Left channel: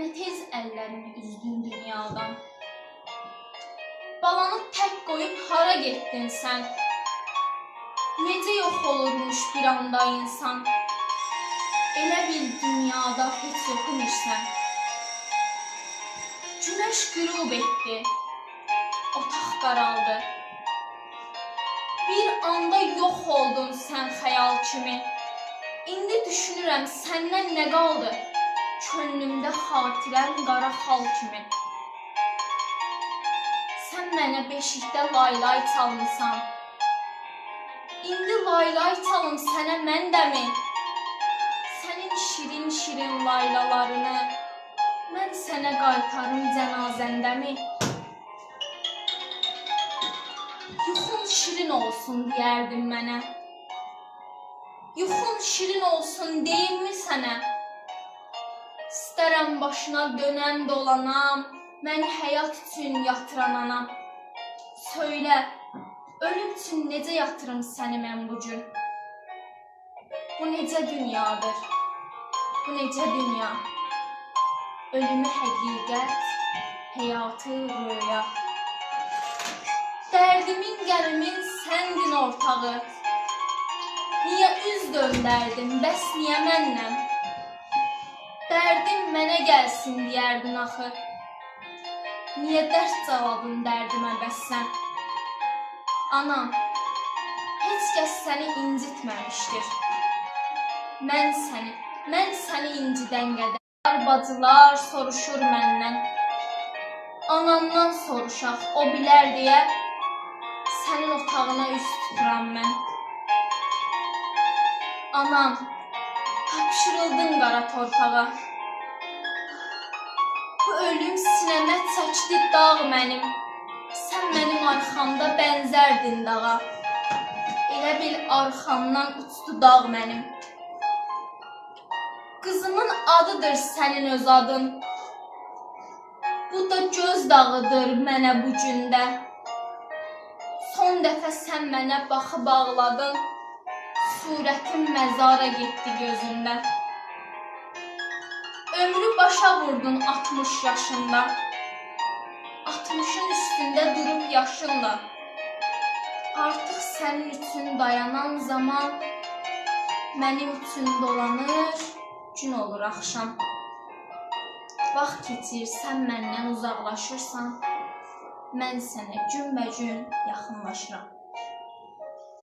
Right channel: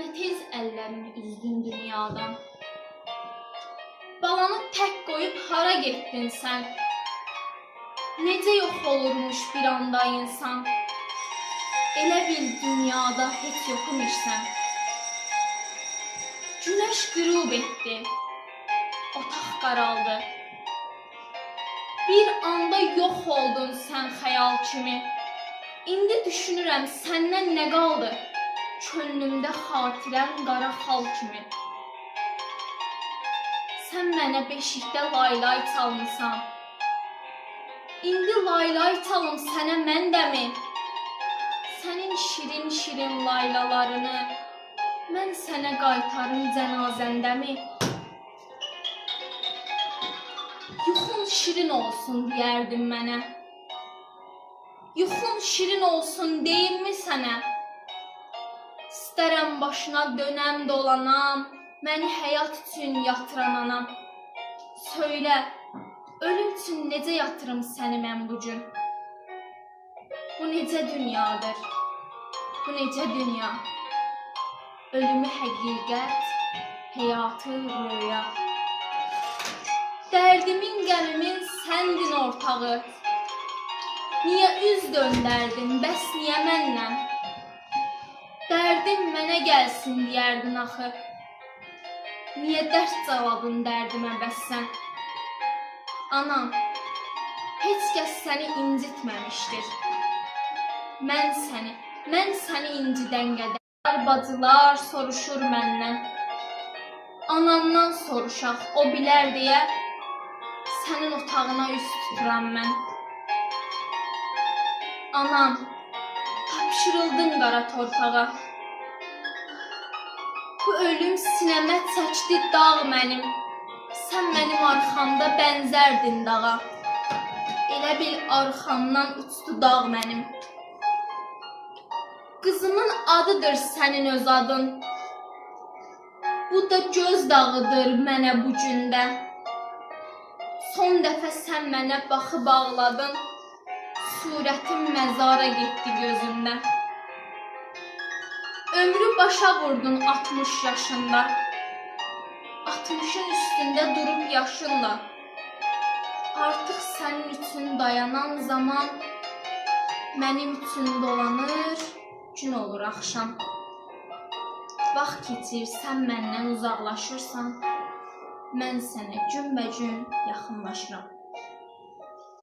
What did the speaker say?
Nə tez əllərimi üzdün dünyadan. Balanı tək qoyub hara getdin sən? Necə yox olurmuş bir anda insan? Elə bil dünyada heç yox imişsən. Günəş qürub etdi, otaq qaraldı. Bir anda yox oldun sən xəyal kimi. İndi düşünürəm səndən nə qaldı? Könlümdə xatirən qara xal kimi. Sən mənə beşikdə laylay çalmısan. İndi laylay çalım sənə mən dəmi? Sənin şirin-şirin laylalarını mən sənə qaytarım cənazəndəmi? Yuxun şirin olsun deyərdin mənə. Yuxun şirin olsun deyilmi sənə? İstərəm başına dönəm dolanam, məni həyat üçün yatıran anam. Söylə, ölüm üçün necə yatırım səni mən bu gün? Bu necə dünyadır? Bu necə dünya? Ölümü həqiqət, həyatı röya. Dərdimin, qəmimin səndin ortağı. Niyə üz döndərdin, bəs niyə məndən? Dərdim mənə gəlsin deyərdin axı. Niyə dərd cavabın dərdimə bəs sən? Anam, heç kəs səni incitməmişdir. Mən səni incidən qədər bacılar soruşur məndən. Anamdan soruşaq, o bilər deyə sənin otağına üz tuturam mən. Anam, tapşırıldın qara torpağa. Bu ölüm sinəmə çəkdi dağ mənim. Sən mənim arxamda bənzərdin dağa. Elə bil arxamdan uçdu dağ mənim. Qızımın adıdır sənin öz adın. Bu da göz dağıdır mənə bu gündə. Son dəfə sən mənə baxıb ağladın. Surətim məzara getdi gözündə. Ömrü başa vurdun 60 yaşında. 60'ın üstündə durub yaşınla. Artıq sənin üçün dayanan zaman mənim üçün dolanır, gün olur axşam. Vaxt keçir, sən məndən uzaqlaşırsan, mən sənə günbəgün yaxınlaşıram.